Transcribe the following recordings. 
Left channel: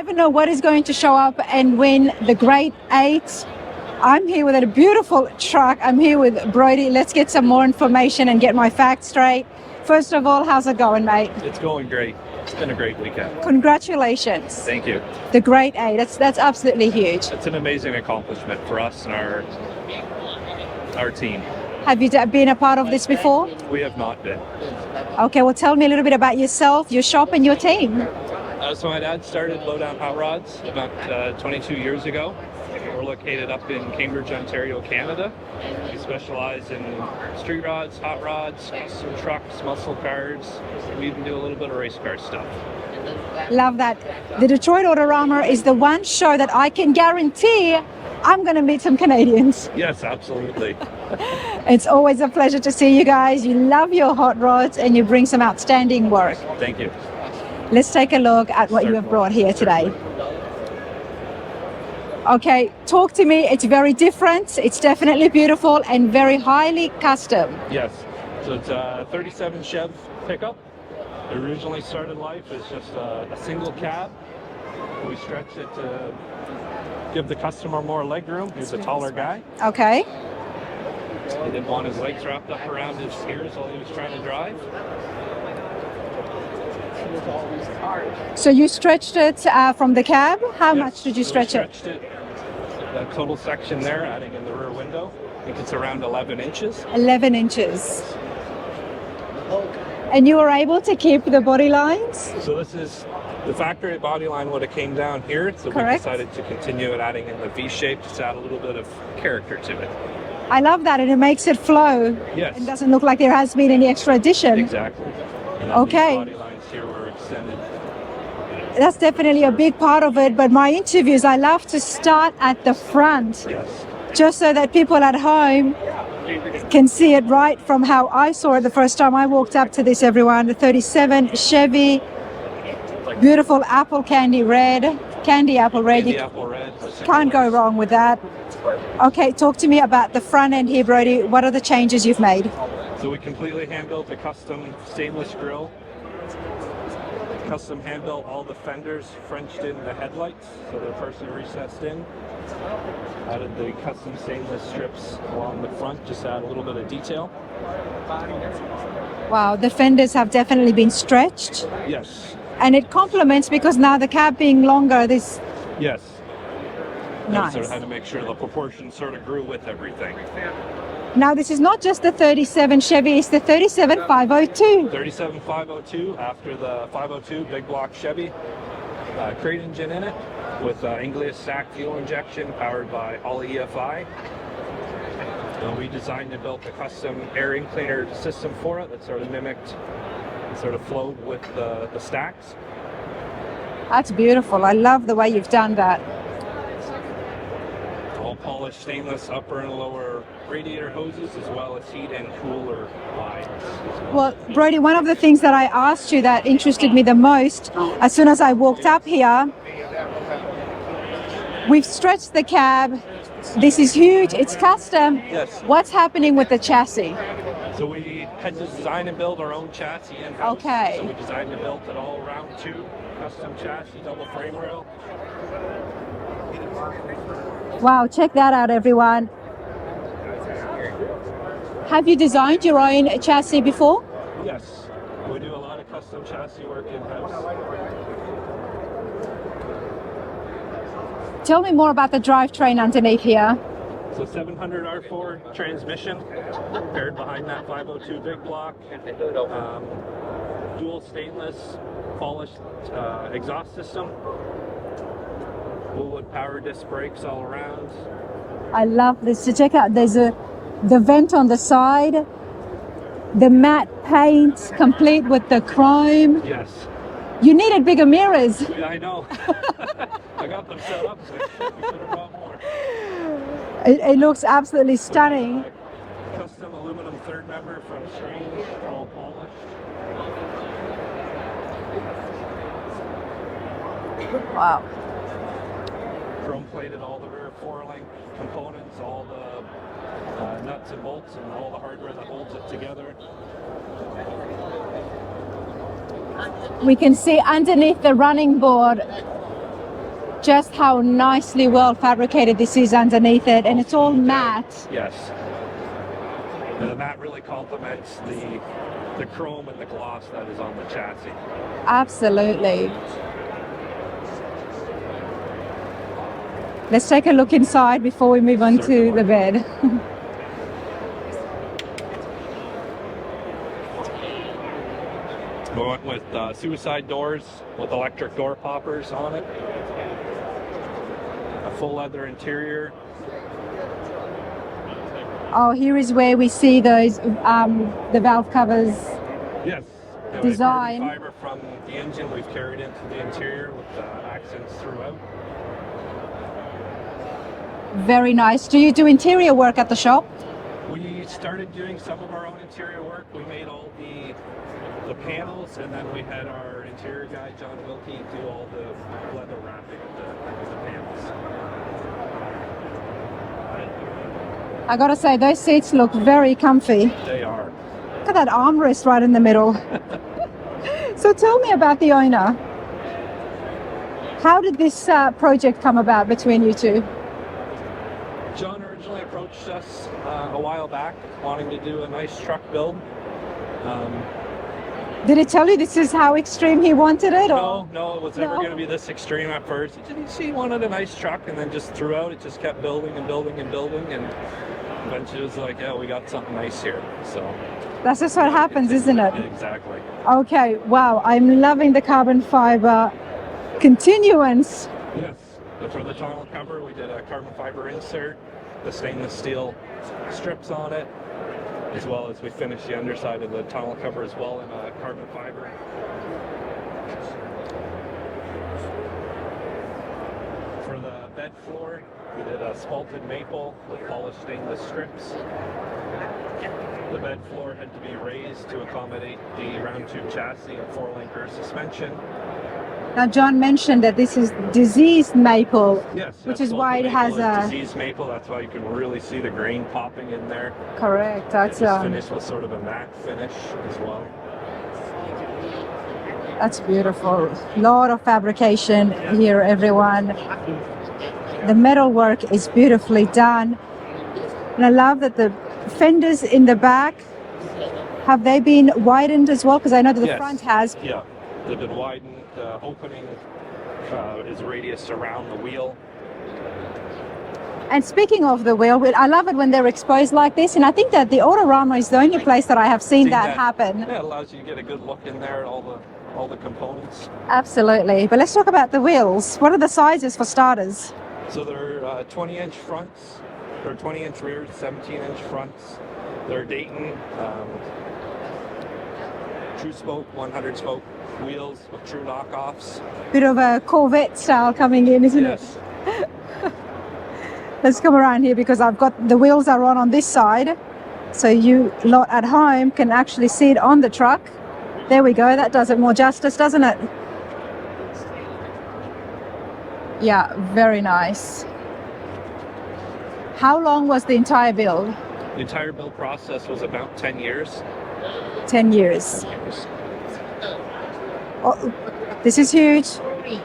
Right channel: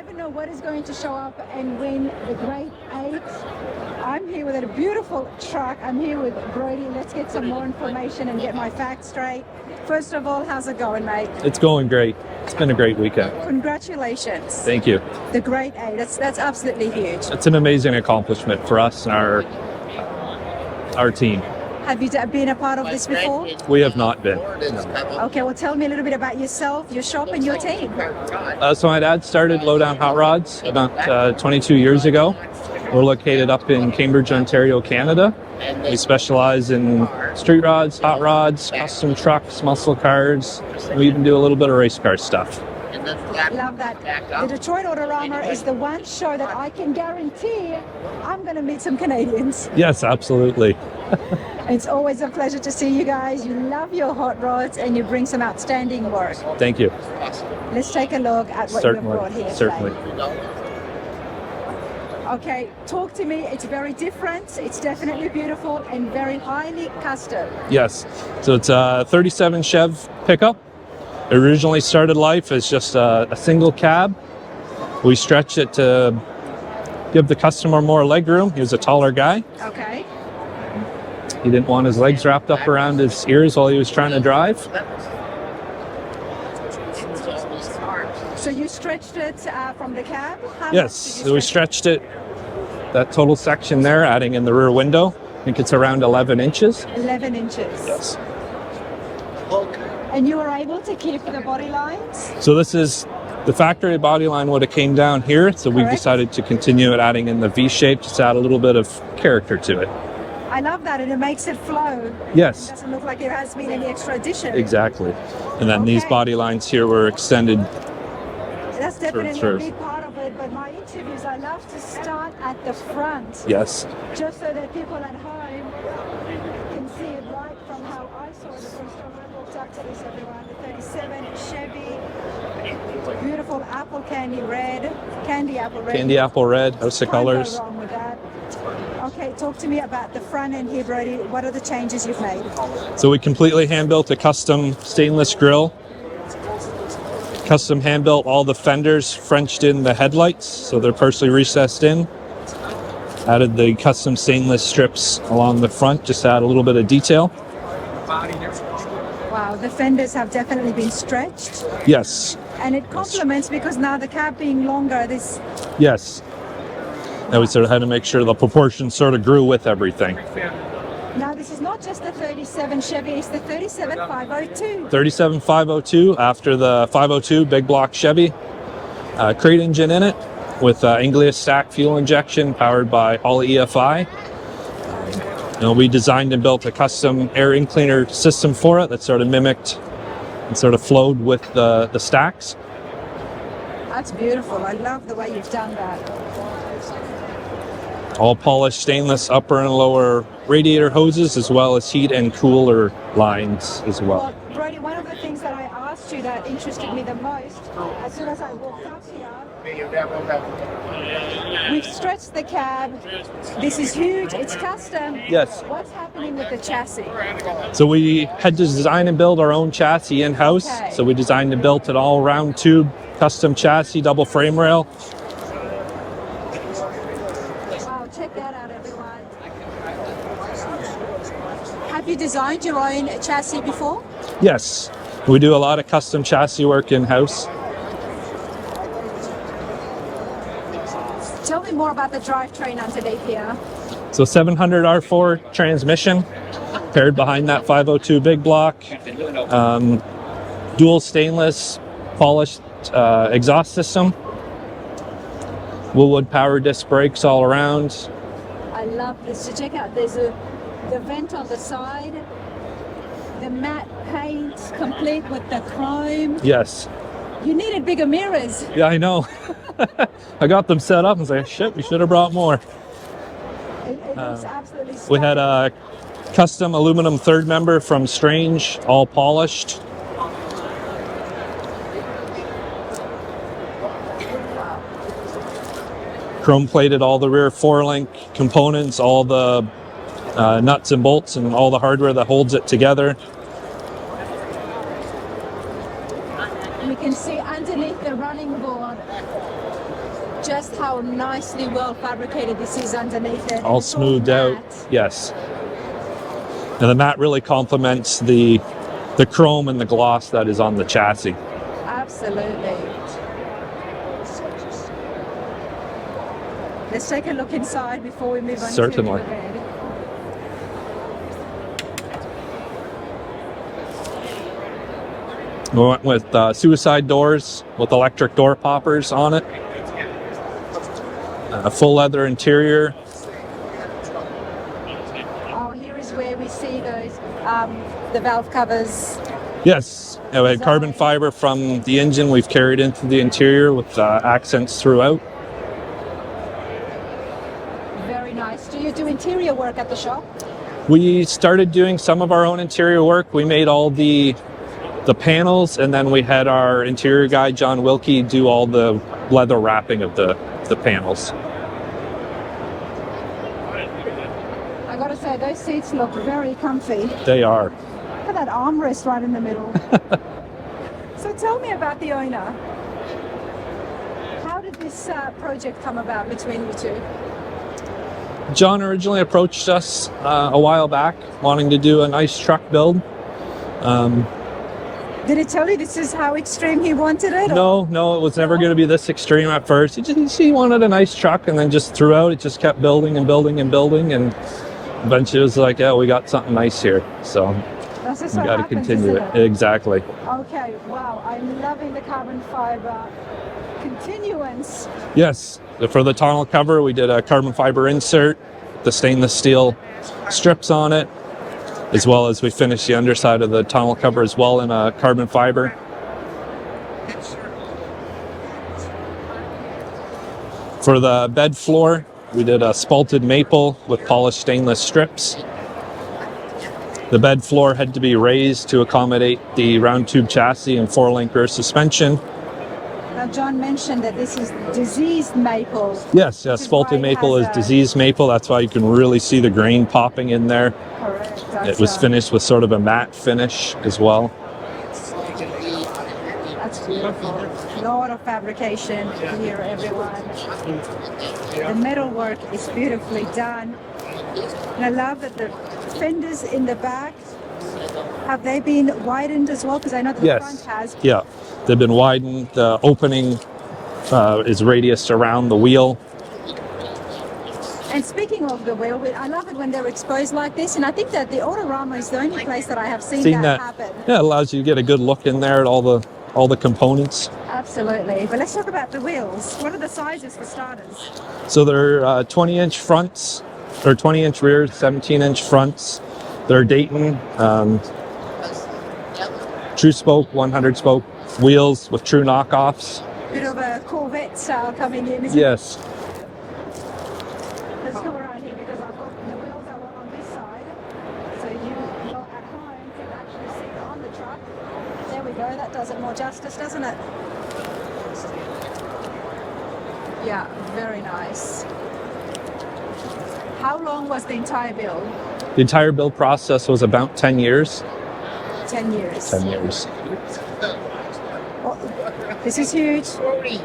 never know what is going to show up and win the Great 8. I'm here with a beautiful truck. I'm here with Brody. Let's get some more information and get my facts straight. First of all, how's it going, mate? It's going great. It's been a great weekend. Congratulations. Thank you. The Great 8, that's absolutely huge. It's an amazing accomplishment for us and our team. Have you been a part of this before? We have not been. Okay, well, tell me a little bit about yourself, your shop, and your team. So my dad started Lowdown Hot Rods about 22 years ago. We're located up in Cambridge, Ontario, Canada. We specialize in street rods, hot rods, custom trucks, muscle cars. We even do a little bit of race car stuff. Love that. The Detroit Autorama is the one show that I can guarantee I'm going to meet some Canadians. Yes, absolutely. It's always a pleasure to see you guys. You love your hot rods and you bring some outstanding work. Thank you. Let's take a look at what you have brought here today. Okay, talk to me. It's very different. It's definitely beautiful and very highly custom. Yes. So it's a 37 Chev pickup. It originally started life as just a single cab. We stretched it to give the customer more leg room. He was a taller guy. Okay. He didn't want his legs wrapped up around his ears while he was trying to drive. So you stretched it from the cab? How much did you stretch it? We stretched it, that total section there, adding in the rear window. I think it's around 11 inches. 11 inches. Yes. And you were able to keep the body lines? So this is the factory body line would have came down here, so we decided to continue it, adding in the V shape, just add a little bit of character to it. I love that, and it makes it flow. Yes. It doesn't look like there has been any extra addition. Exactly. And then these body lines here were extended. That's definitely a big part of it, but my interviews, I love to start at the front. Yes. Just so that people at home can see it right from how I saw it the first time I walked up to this, everyone. The 37 Chevy, beautiful apple candy red, candy apple red. Candy apple red, house of colors. Can't go wrong with that. Okay, talk to me about the front end here, Brody. What are the changes you've made? So we completely hand-built a custom stainless grille. Custom hand-built all the fenders, Frenched in the headlights, so they're partially recessed in. Added the custom stainless strips along the front, just to add a little bit of detail. Wow, the fenders have definitely been stretched. Yes. And it complements because now the cab being longer, this... Yes. Now we sort of had to make sure the proportions sort of grew with everything. Now this is not just the 37 Chevy, it's the 37 502. 37 502 after the 502 big block Chevy. Crate engine in it with Inglia stack fuel injection powered by Holley EFI. And we designed and built a custom air in cleaner system for it that sort of mimicked and sort of flowed with the stacks. That's beautiful. I love the way you've done that. All polished stainless upper and lower radiator hoses, as well as heat and cooler lines as well. Well, Brody, one of the things that I asked you that interested me the most, as soon as I walked up here, we've stretched the cab. This is huge. It's custom. Yes. What's happening with the chassis? So we had to design and build our own chassis in-house. Okay. So we designed and built an all-round tube custom chassis, double frame rail. Wow, check that out, everyone. Have you designed your own chassis before? Yes, we do a lot of custom chassis work in-house. Tell me more about the drivetrain underneath here. So 700 R4 transmission paired behind that 502 big block. Dual stainless polished exhaust system. Woolwood power disc brakes all around. I love this. So check out, there's the vent on the side, the matte paint complete with the chrome. Yes. You needed bigger mirrors. Yeah, I know. I got them set up and was like, shit, we should have brought more. It looks absolutely stunning. We had a custom aluminum third member from Strange, all polished. Wow. Chrome plated all the rear four-link components, all the nuts and bolts and all the hardware that holds it together. We can see underneath the running board just how nicely well fabricated this is underneath it, and All it's all smoothed matte. out. Yes. And the matte really complements the chrome and the gloss that is on the chassis. Absolutely. Let's take a look inside before we move on to Certainly. the bed. We went with suicide doors with electric door poppers on it. A full leather interior. Oh, here is where we see those, the valve covers. Yes, we had carbon Design. fiber from the engine we've carried into the interior with accents throughout. Very nice. Do you do interior work at the shop? We started doing some of our own interior work. We made all the panels, and then we had our interior guy, John Wilkie, do all the leather wrapping of the panels. I gotta say, those seats look very comfy. They are. Look at that armrest right in the middle. So tell me about the owner. How did this project come about between you two? John originally approached us a while back, wanting to do a nice truck build. Did he tell you this is how extreme he wanted it? or- No, it was never going to be this extreme at first. He wanted a nice truck, and then just throughout, it just kept building and building and building, and eventually it was like, yeah, we got something nice here. So That's just we how it gotta happens, continue isn't it? Exactly. Okay, wow, I'm loving the carbon fiber continuance. Yes. For the tonneau cover, we did a carbon fiber insert, the stainless steel strips on it, as well as we finished the underside of the tonneau cover as well in a carbon fiber. For the bed floor, we did a spalted maple with polished stainless strips. The bed floor had to be raised to accommodate the round tube chassis and 4-link rear suspension. Now, John mentioned that this is diseased maple. Yes, Which is spalted why it maple has is a- diseased maple. That's why you can really see the grain popping in there. Correct. It was finished with sort of a matte finish as well. That's beautiful. A lot of fabrication here, everyone. The metal work is beautifully done. And I love that the fenders in the back, have they been widened as well? Because I know that the Yes. front has. Yeah, they've been widened. The opening is radiused around the wheel. And speaking of the wheel, I love it when they're exposed like this. And I think that the Autorama is the only place that I have seen that happen. Yeah, it allows you to get a good look in there at all the components. Absolutely. But let's talk about the wheels. What are the sizes for starters? So they're 20-inch fronts, or 20-inch rears, 17-inch fronts. They're Dayton, true spoke, 100 spoke wheels with true knockoffs. Bit of a Corvette style coming in, isn't it? Yes. Let's come around here because I've got the wheels are on this side. So you lot at home can actually see it on the truck. There we go. That does it more justice, doesn't it? Yeah, very nice. How long was the entire build? The entire build process was about 10 years. 10 years. 10 years. Oh, this is huge.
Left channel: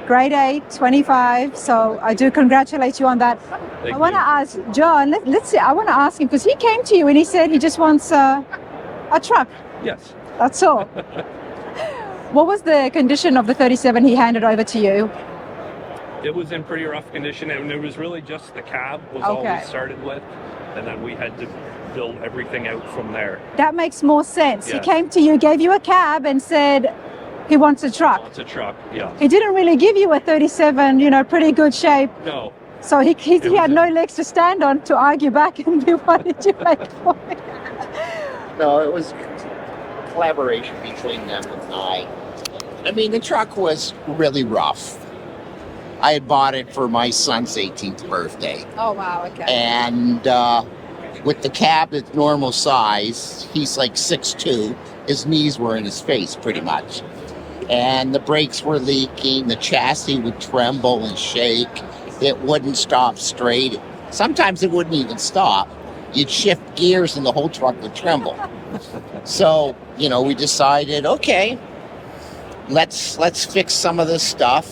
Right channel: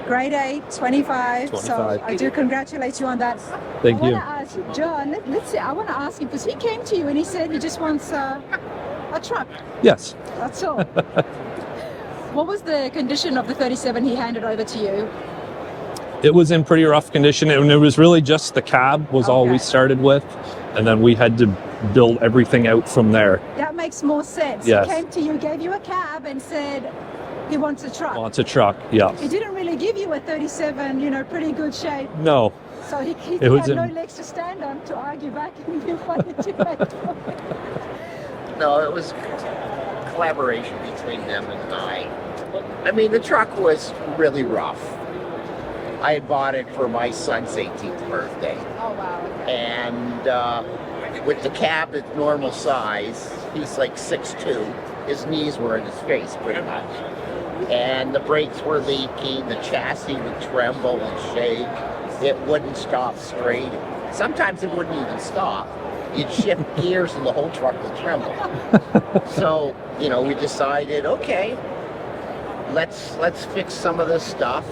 Grade 8, 25. So 25. I do congratulate you on that. Thank I want you. to ask John, let's see, I want to ask him because he came to you and he said he just wants a truck. Yes. That's all. What was the condition of the 37 he handed over to you? It was in pretty rough condition, and it was really just the cab was all we Okay. started with, and then we had to build everything out from there. That makes more sense. Yes. He came to you, gave you a cab and said he wants a truck. Wants a truck, yeah. He didn't really give you a 37, pretty good shape. No, So he was had no legs to stand on to argue back and be, what did you make for him? No, it was collaboration between them and I. I mean, the truck was really rough. I had bought it for my son's 18th birthday. Oh, wow, okay. And with the cab at normal size, he's like 6'2". His knees were in his face pretty much. And the brakes were leaking, the chassis would tremble and shake. It wouldn't stop straight. Sometimes it wouldn't even stop. You'd shift gears and the whole truck would tremble. So, we decided, okay, let's fix some of this stuff.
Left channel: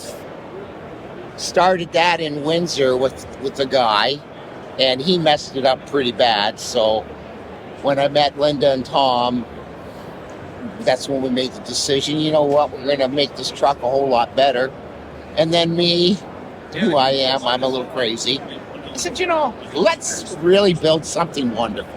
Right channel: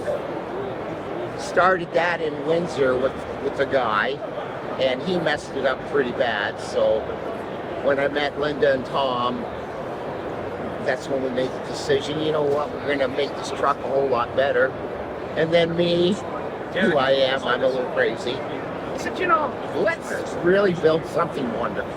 started that in Windsor with a guy, and he messed it up pretty bad. So when I met Linda and Tom, that's when we made the decision, you know what, we're going to make this truck a whole lot better. And then me, who I am, I'm a little crazy. I said, you know, let's really build something wonderful.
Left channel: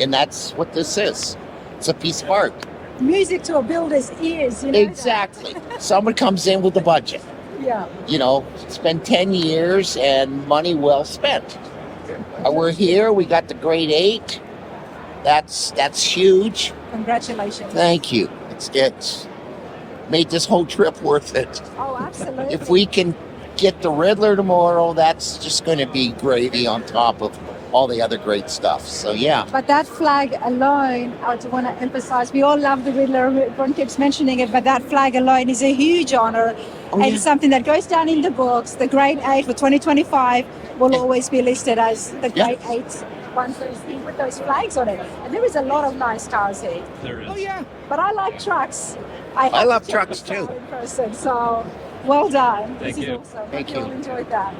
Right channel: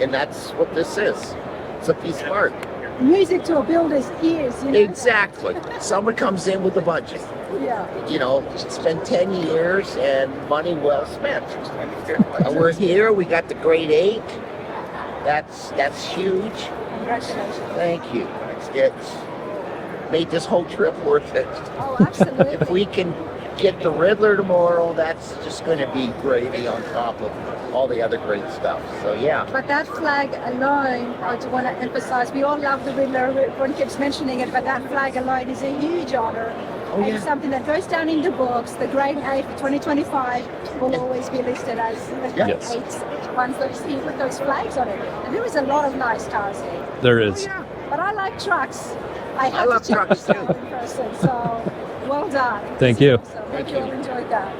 And that's what this is. It's a piece of art. Music to a builder's ears, you know? Exactly. Someone comes in with a budget. Yeah. You know, it's been 10 years and money well spent. We're here, we got the grade 8. That's huge. Congratulations. Thank you. It's made this whole trip worth it. Oh, absolutely. If we can get the Riddler tomorrow, that's just going to be gravy on top of all the other great stuff. So yeah. But that flag alone, I do want to emphasize, we all love the Riddler, everyone keeps mentioning it, but that flag alone is a huge honor. Oh, and something that goes down in the books. The grade 8 for 2025 will always be listed as the grade 8 ones that you see with those flags on it. And there is a lot of nice cars here. There is. Oh, yeah. But I like trucks. I love trucks too. Person, so well done. Thank you. Thank you. Enjoyed that.